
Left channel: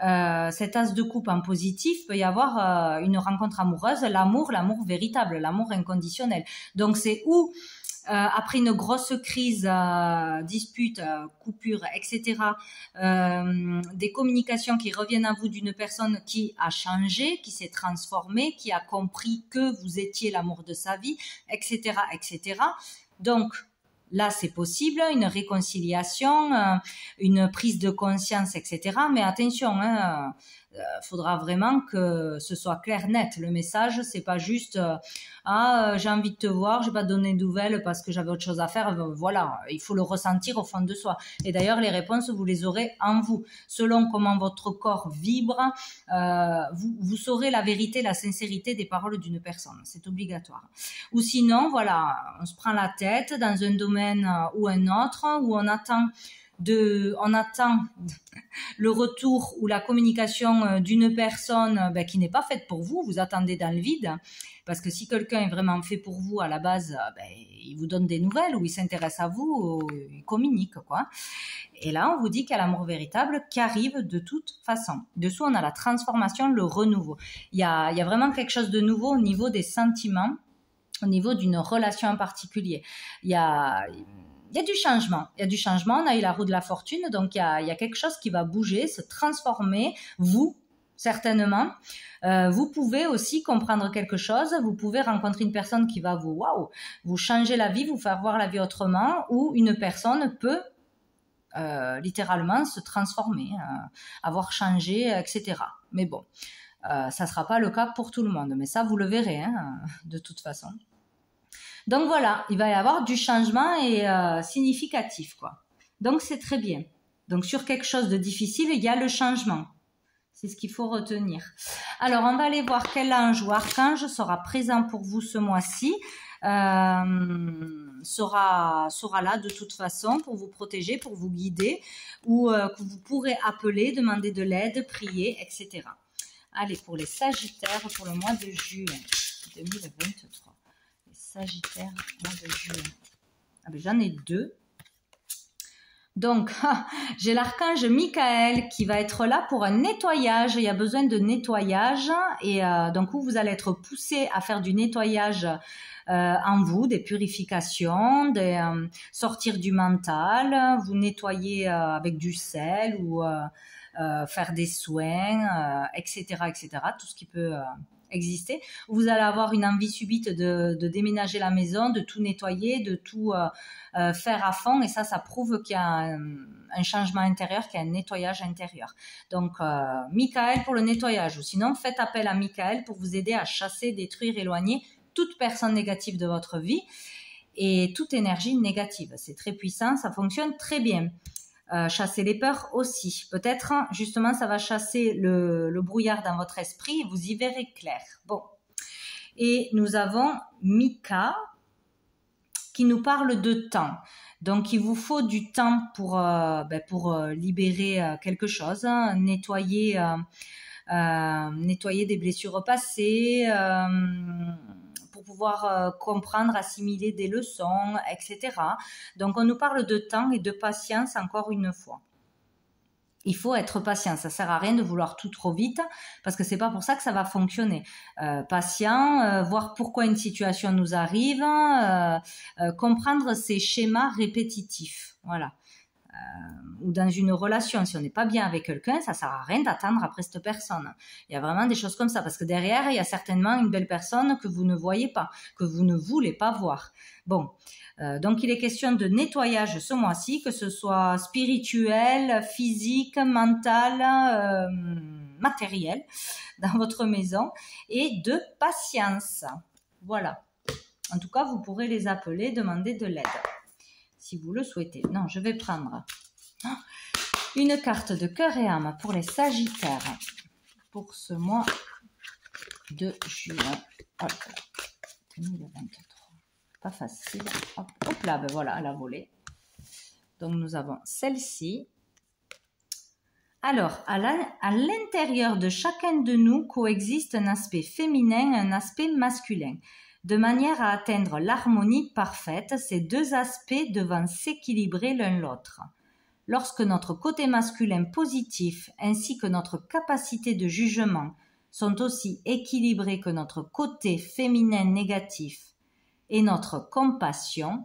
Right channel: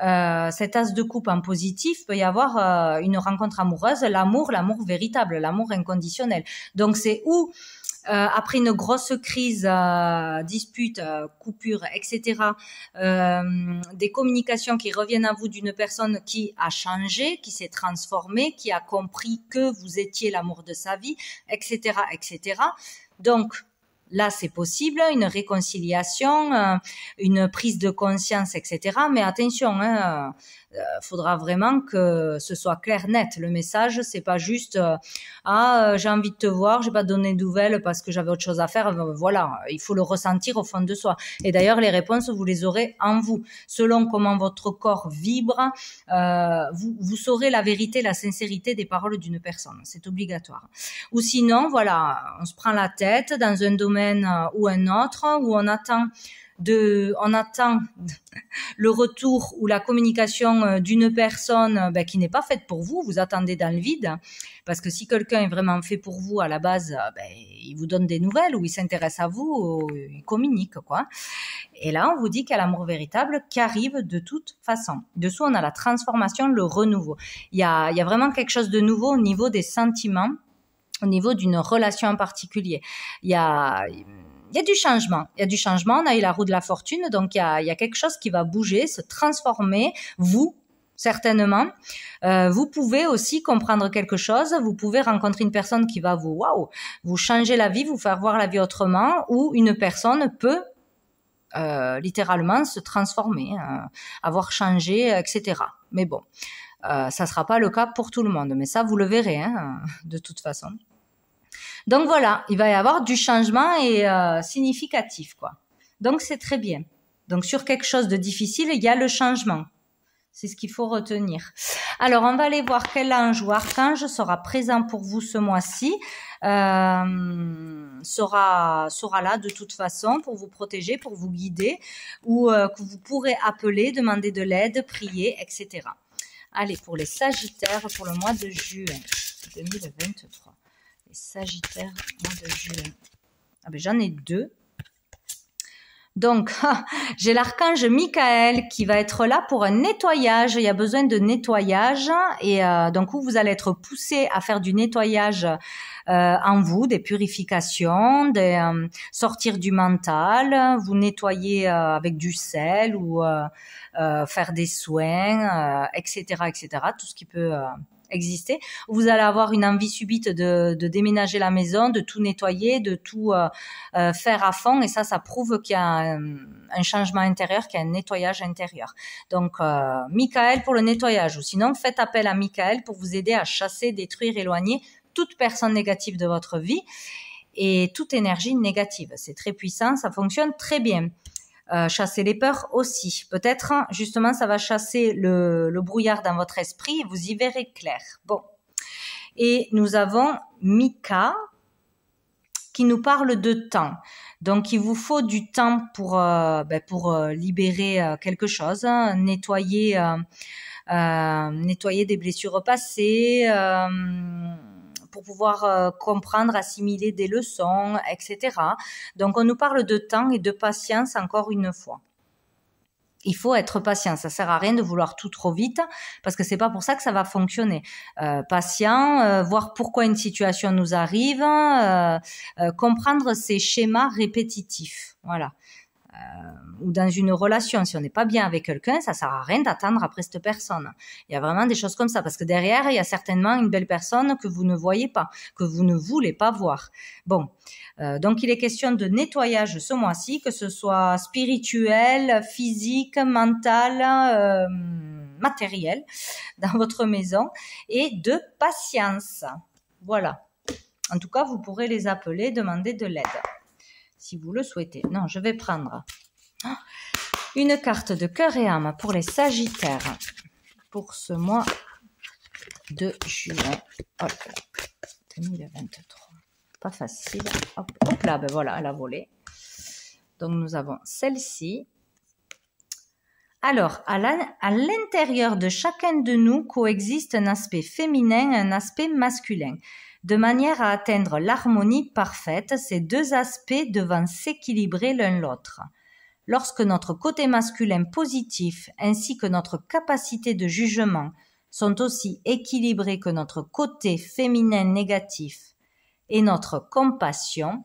en positif, peut y avoir une rencontre amoureuse, l'amour véritable, l'amour inconditionnel. Donc c'est où après une grosse crise, dispute, coupure, etc., des communications qui reviennent à vous d'une personne qui a changé, qui s'est transformée, qui a compris que vous étiez l'amour de sa vie, etc., etc. Donc, là, c'est possible, une réconciliation, une prise de conscience, etc. Mais attention, faudra vraiment que ce soit clair, net. Le message, c'est pas juste j'ai envie de te voir, j'ai pas donné de nouvelles parce que j'avais autre chose à faire. Voilà, il faut le ressentir au fond de soi. Et d'ailleurs, les réponses, vous les aurez en vous. Selon comment votre corps vibre, vous saurez la vérité, la sincérité des paroles d'une personne. C'est obligatoire. Ou sinon, voilà, on se prend la tête dans un domaine ou un autre où on attend le retour ou la communication d'une personne qui n'est pas faite pour vous, vous attendez dans le vide, parce que si quelqu'un est vraiment fait pour vous à la base, il vous donne des nouvelles ou il s'intéresse à vous, ou il communique, quoi. Et là, on vous dit qu'il y a l'amour véritable qui arrive de toute façon. Dessous, on a la transformation, le renouveau. Il y a vraiment quelque chose de nouveau au niveau des sentiments, au niveau d'une relation en particulier. Il y a du changement. Il y a du changement. On a eu la roue de la fortune. Donc, il y a quelque chose qui va bouger, se transformer. Vous, certainement. Vous pouvez aussi comprendre quelque chose. Vous pouvez rencontrer une personne qui va vous changer la vie, vous faire voir la vie autrement, ou une personne peut littéralement se transformer, avoir changé, etc. Mais bon, ça ne sera pas le cas pour tout le monde. Mais ça, vous le verrez, de toute façon. Donc voilà, il va y avoir du changement et significatif, quoi. Donc c'est très bien. Donc sur quelque chose de difficile, il y a le changement. C'est ce qu'il faut retenir. Alors, on va aller voir quel ange ou archange sera présent pour vous ce mois-ci. Sera là de toute façon pour vous protéger, pour vous guider, ou que vous pourrez appeler, demander de l'aide, prier, etc. Allez, pour les Sagittaires, pour le mois de juin 2023. Les Sagittaires, mois de juin. Ah ben, j'en ai deux. Donc, j'ai l'archange Michael qui va être là pour un nettoyage. Il y a besoin de nettoyage et donc vous allez être poussé à faire du nettoyage en vous, des purifications, sortir du mental, vous nettoyer avec du sel ou faire des soins, etc., etc. Tout ce qui peut exister. Vous allez avoir une envie subite de déménager la maison, de tout nettoyer, de tout faire à fond, et ça prouve qu'il y a un changement intérieur, qu'il y a un nettoyage intérieur. Donc, Michael pour le nettoyage, ou sinon faites appel à Michael pour vous aider à chasser, détruire, éloigner toute personne négative de votre vie et toute énergie négative. C'est très puissant, ça fonctionne très bien. Chasser les peurs aussi. Peut-être, justement, ça va chasser le brouillard dans votre esprit et vous y verrez clair. Bon. Et nous avons Mika qui nous parle de temps. Donc, il vous faut du temps pour libérer quelque chose, hein, nettoyer des blessures passées, pour pouvoir comprendre, assimiler des leçons, etc. Donc, on nous parle de temps et de patience encore une fois. Il faut être patient, ça sert à rien de vouloir tout trop vite parce que c'est pas pour ça que ça va fonctionner. Patient, voir pourquoi une situation nous arrive, comprendre ces schémas répétitifs, voilà. Ou dans une relation, si on n'est pas bien avec quelqu'un, ça sert à rien d'attendre après cette personne. Il y a vraiment des choses comme ça, parce que derrière, il y a certainement une belle personne que vous ne voyez pas, que vous ne voulez pas voir. Bon, donc il est question de nettoyage ce mois-ci, que ce soit spirituel, physique, mental, matériel, dans votre maison, et de patience. Voilà. En tout cas, vous pourrez les appeler, demander de l'aide, si vous le souhaitez. Non, je vais prendre une carte de cœur et âme pour les Sagittaires pour ce mois de juin. Hop là, 2023. Pas facile. Hop, hop là, ben voilà, elle a volé. Donc nous avons celle-ci. Alors, à l'intérieur de chacun de nous coexiste un aspect féminin et un aspect masculin. De manière à atteindre l'harmonie parfaite, ces deux aspects devant s'équilibrer l'un l'autre. Lorsque notre côté masculin positif ainsi que notre capacité de jugement sont aussi équilibrés que notre côté féminin négatif et notre compassion,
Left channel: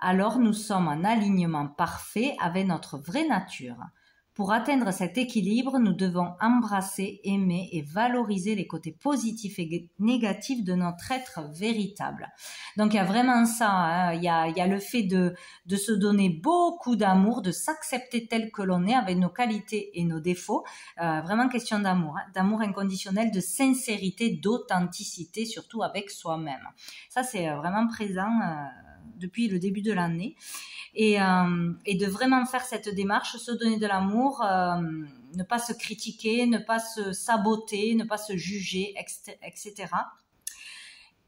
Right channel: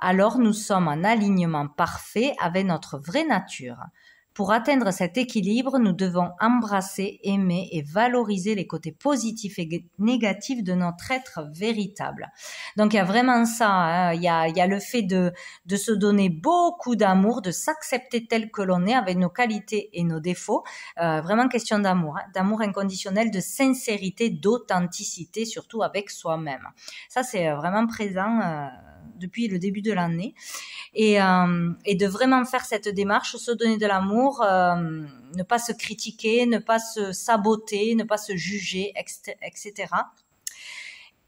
alors nous sommes en alignement parfait avec notre vraie nature. Pour atteindre cet équilibre, nous devons embrasser, aimer et valoriser les côtés positifs et négatifs de notre être véritable. Donc il y a vraiment ça, hein. Il y a le fait de se donner beaucoup d'amour, de s'accepter tel que l'on est avec nos qualités et nos défauts. Vraiment question d'amour, hein, d'amour inconditionnel, de sincérité, d'authenticité, surtout avec soi-même. Ça c'est vraiment présent depuis le début de l'année. Et de vraiment faire cette démarche, se donner de l'amour, ne pas se critiquer, ne pas se saboter, ne pas se juger, etc.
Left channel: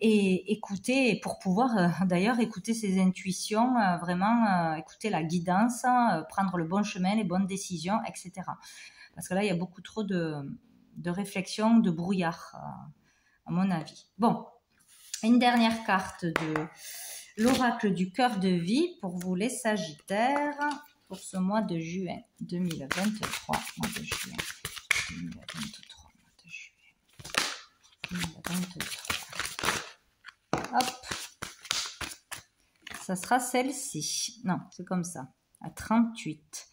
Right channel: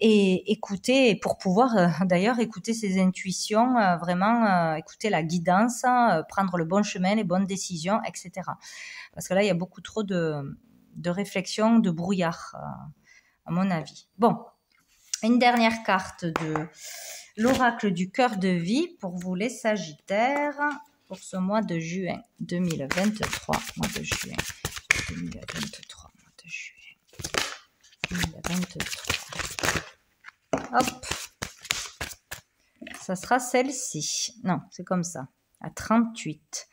Et écouter, pour pouvoir d'ailleurs écouter ses intuitions, vraiment écouter la guidance, prendre le bon chemin, les bonnes décisions, etc. Parce que là, il y a beaucoup trop de réflexion, de brouillard, à mon avis. Bon, une dernière carte de l'oracle du cœur de vie pour vous les Sagittaires pour ce mois de juin 2023. Mois de juin 2023. Mois de juin 2023. Hop. Ça sera celle-ci. Non, c'est comme ça. À 38.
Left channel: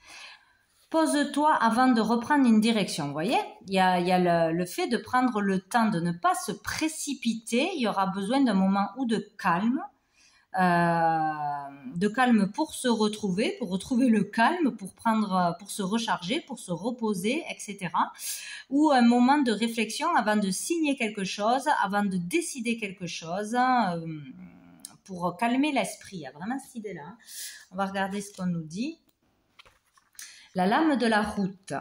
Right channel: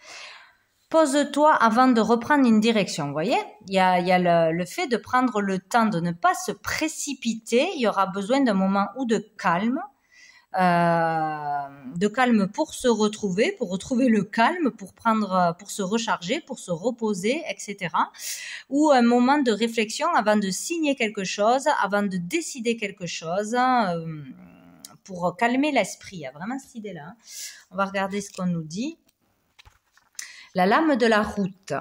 Pose-toi avant de reprendre une direction. Vous voyez, il y a le fait de prendre le temps de ne pas se précipiter. Il y aura besoin d'un moment ou de calme. Pour se retrouver, pour retrouver le calme, pour se recharger, pour se reposer, etc. Ou un moment de réflexion avant de signer quelque chose, avant de décider quelque chose, pour calmer l'esprit. Il y a vraiment cette idée-là, hein. On va regarder ce qu'on nous dit. La lame de la route.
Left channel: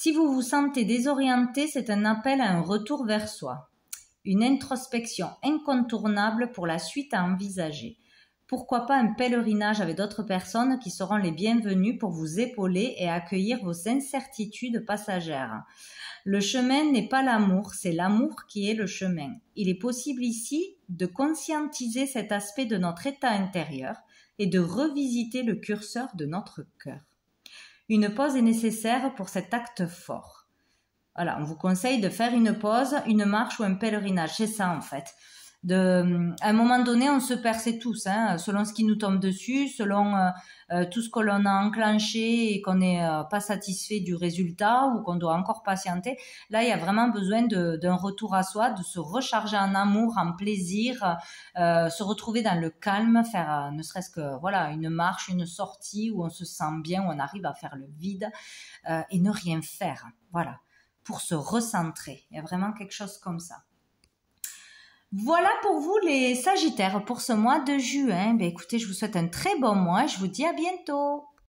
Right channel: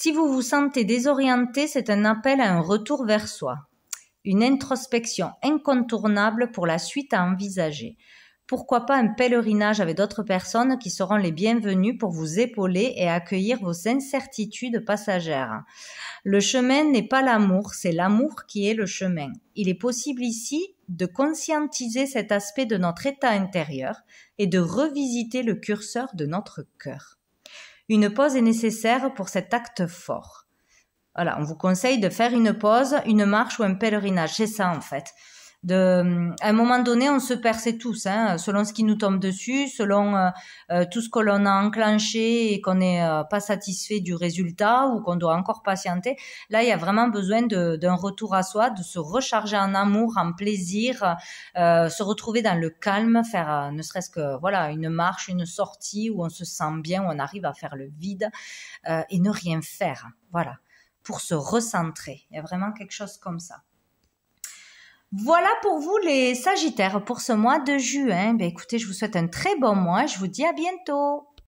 Si vous vous sentez désorienté, c'est un appel à un retour vers soi. Une introspection incontournable pour la suite à envisager. Pourquoi pas un pèlerinage avec d'autres personnes qui seront les bienvenues pour vous épauler et accueillir vos incertitudes passagères. Le chemin n'est pas l'amour, c'est l'amour qui est le chemin. Il est possible ici de conscientiser cet aspect de notre état intérieur et de revisiter le curseur de notre cœur. Une pause est nécessaire pour cet acte fort. Voilà, on vous conseille de faire une pause, une marche ou un pèlerinage. C'est ça en fait. À un moment donné, on se perce tous, selon ce qui nous tombe dessus, selon tout ce que l'on a enclenché et qu'on n'est pas satisfait du résultat ou qu'on doit encore patienter. Là, il y a vraiment besoin d'un retour à soi, de se recharger en amour, en plaisir, se retrouver dans le calme, faire ne serait-ce que voilà une marche, une sortie où on se sent bien, où on arrive à faire le vide et ne rien faire. Voilà, pour se recentrer. Il y a vraiment quelque chose comme ça. Voilà pour vous les Sagittaires pour ce mois de juin. Écoutez, je vous souhaite un très bon mois. Je vous dis à bientôt.